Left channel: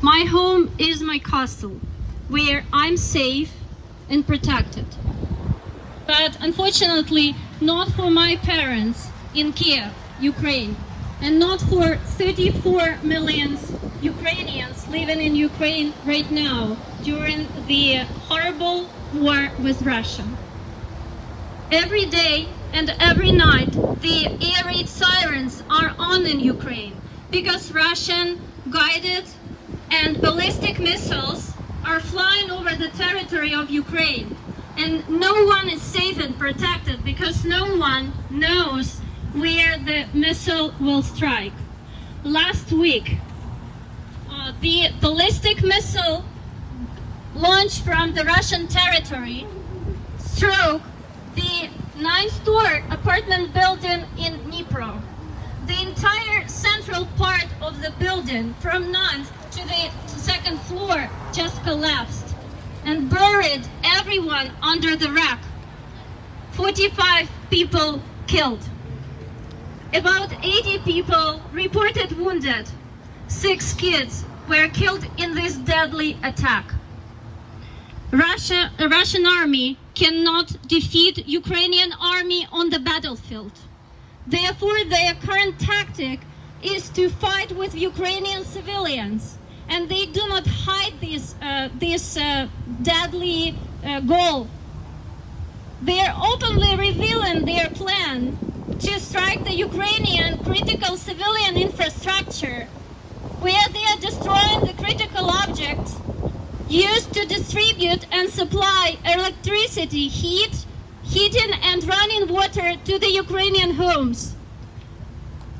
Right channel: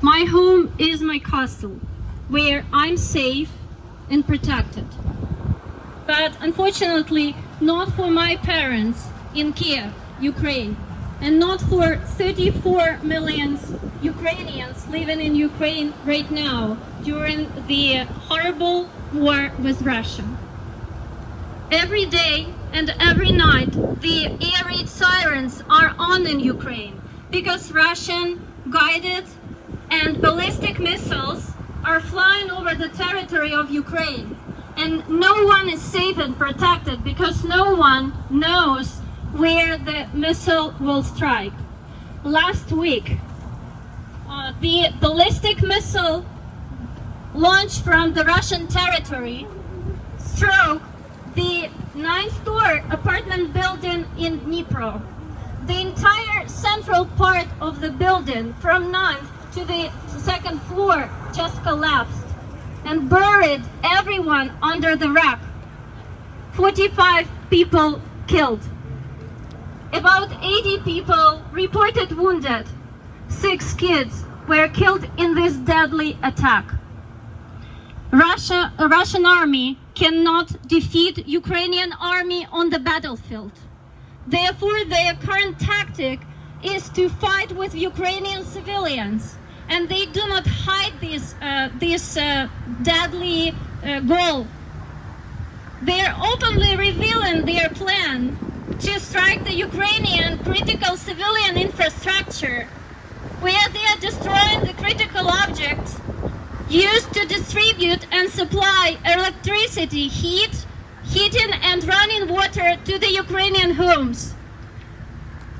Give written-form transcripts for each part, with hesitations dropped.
My home is my castle, where I'm safe and protected. But unfortunately, not for my parents in Kiev, Ukraine, and not for 34 million Ukrainians living in Ukraine right now during the horrible war with Russia. Every day and every night, the air raid sirens are on in Ukraine because Russian guided and ballistic missiles are flying over the territory of Ukraine. And no one is safe and protected because no one knows where the missile will strike. Last week, the ballistic missile launched from the Russian territory struck the 9th-story apartment building in Dnipro. The entire central part of the building, from 9th to the 2nd floor, just collapsed and buried everyone under the wreck. 45 people killed. About 80 people reported wounded. 6 kids were killed in this deadly attack. The Russian army cannot defeat Ukrainian army on the battlefield. Therefore, their current tactic is to fight with Ukrainian civilians, and they do not hide this deadly goal. They are openly revealing their plan to strike the Ukrainian critical civilian infrastructure, where they are destroying the critical objects used to distribute and supply electricity, heating and running water to the Ukrainian homes.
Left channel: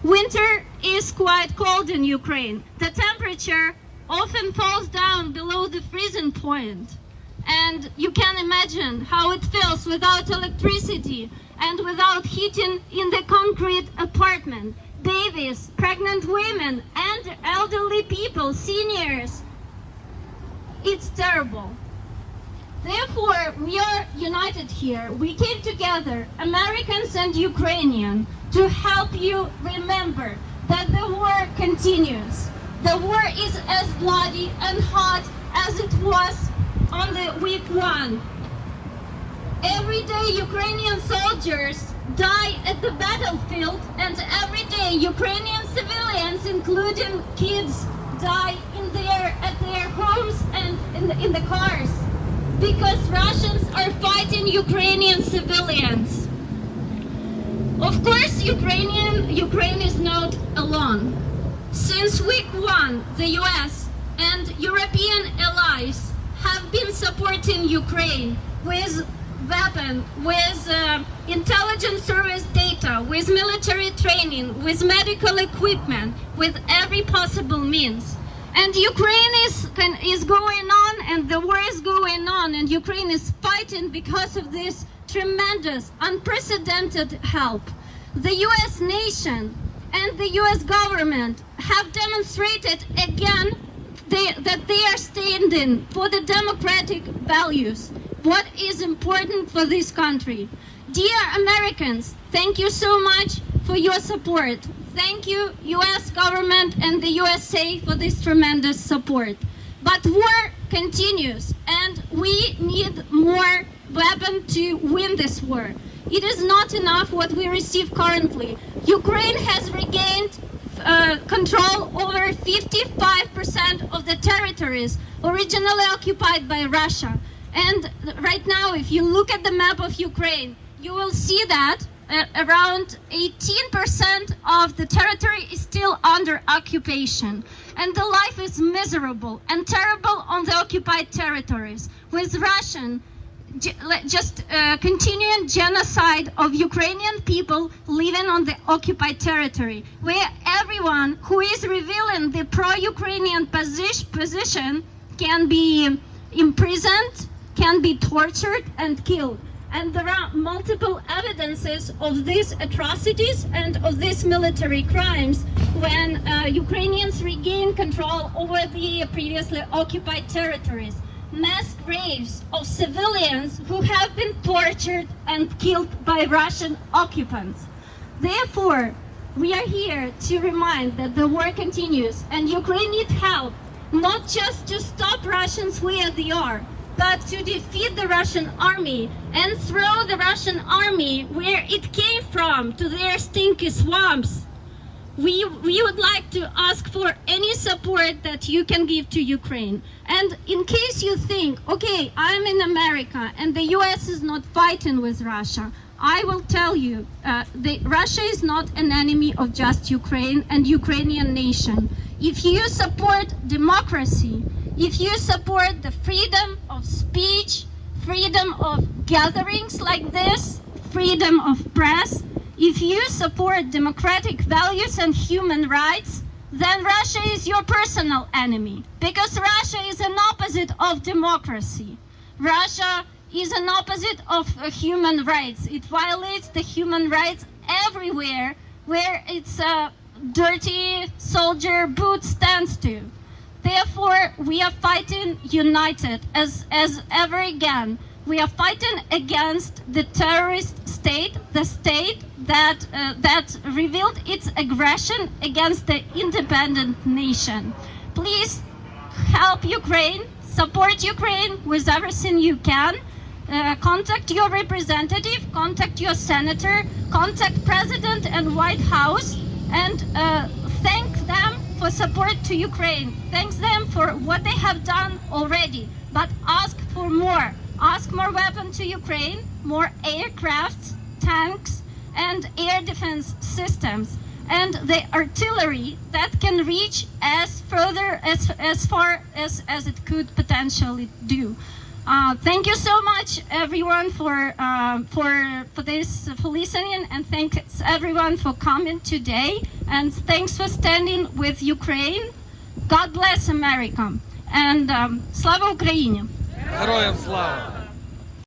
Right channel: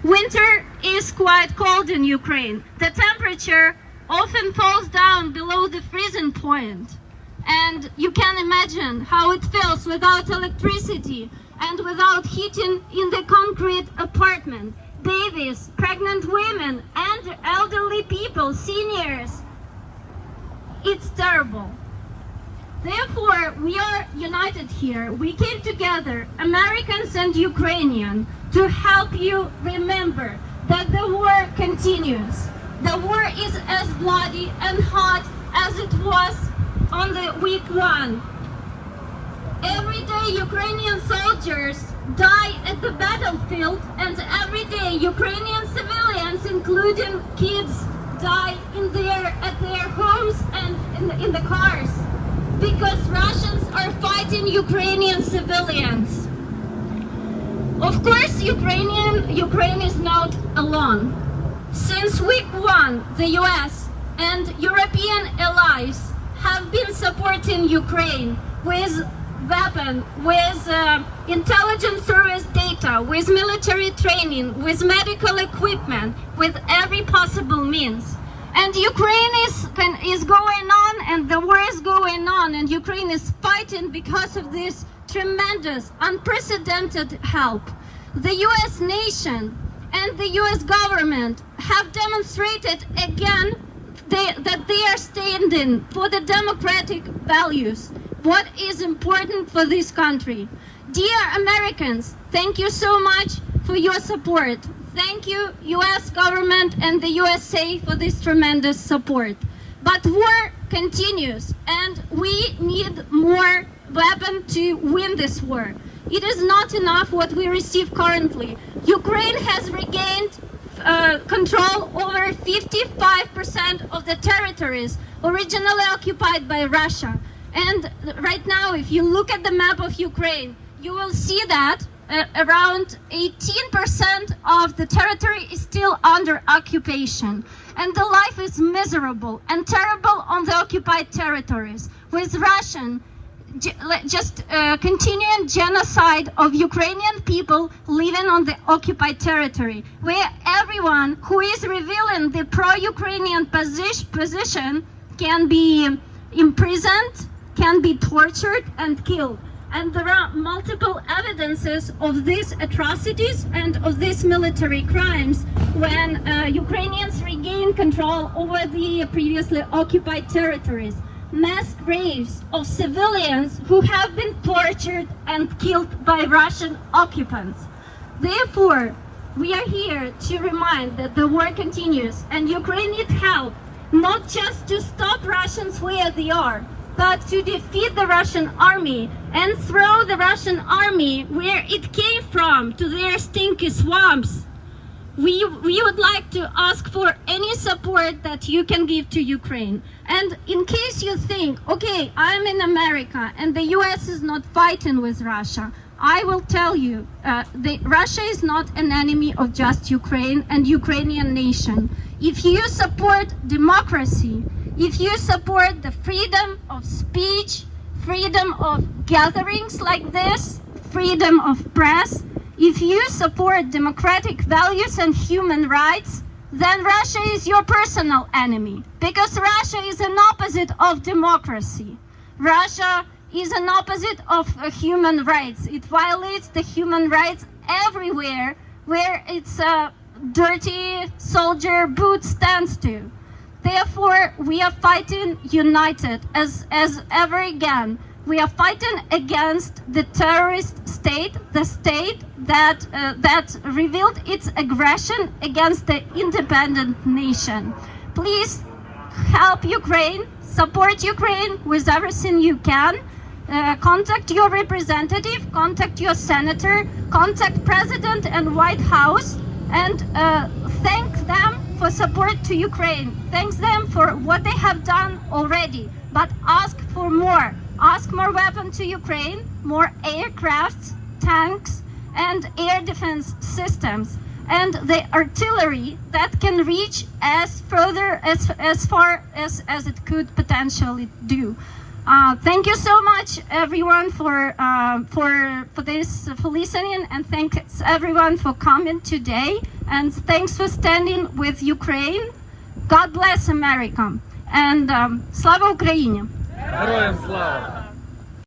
Winter is quite cold in Ukraine. The temperature often falls down below the freezing point. And you can imagine how it feels without electricity and without heating in the concrete apartment. Babies, pregnant women, and elderly people, seniors. It's terrible. Therefore, we are united here. We came together, Americans and Ukrainians, to help you remember that the war continues. The war is as bloody and hot as it was on the week 1. Every day Ukrainian soldiers die at the battlefield, and every day Ukrainian civilians, including kids, die at their homes and in the cars, because Russians are fighting Ukrainian civilians. Of course, Ukraine is not alone. Since week 1, the US and European allies have been supporting Ukraine with weapons, with intelligence service data, with military training, with medical equipment, with every possible means. And Ukraine is going on, and the war is going on, and Ukraine is fighting because of this tremendous, unprecedented help. The US nation and the US government have demonstrated again that they are standing for the democratic values, what is important for this country. Dear Americans, thank you so much for your support. Thank you, US government and the USA, for this tremendous support. But war continues, and we need more weapons to win this war. It is not enough what we receive currently. Ukraine has regained control over 55% of the territories originally occupied by Russia. And right now, if you look at the map of Ukraine, you will see that around 18% of the territory is still under occupation. And the life is miserable and terrible on the occupied territories, with Russian continuing genocide of Ukrainian people living on the occupied territory, where everyone who is revealing the pro-Ukrainian position can be imprisoned, can be tortured and killed. And there are multiple evidences of these atrocities and of these military crimes when Ukrainians regain control over the previously occupied territories. Mass graves of civilians who have been tortured and killed by Russian occupants. Therefore, we are here to remind that the war continues and Ukraine needs help. not just to stop Russians where they are, but to defeat the Russian army and throw the Russian army where it came from, to their stinky swamps. We would like to ask for any support that you can give to Ukraine. And in case you think, okay, I'm in America and the US is not fighting with Russia, I will tell you, Russia is not an enemy of just Ukraine and Ukrainian nation. If you support democracy, if you support the freedom of speech, freedom of gatherings like this, freedom of press, if you support democratic values and human rights, then Russia is your personal enemy, because Russia is an opposite of democracy. Russia is an opposite of human rights. It violates the human rights everywhere where its dirty soldier boot stands to. Therefore, we are fighting united as ever again. We are fighting against the terrorist state, the state that revealed its aggression against the independent nation. Please help Ukraine, support Ukraine with everything you can. Contact your representative, contact your senator, contact President and White House, and thank them for support to Ukraine. Thanks them for what they have done already, but ask for more. Ask more weapons to Ukraine, more aircrafts, tanks, and air defense systems, and the artillery that can reach as far as it could potentially do. Thank you so much, everyone, for listening, and thanks everyone for coming today, and thanks for standing with Ukraine. God bless America, and Slava Ukraini! Героям слава!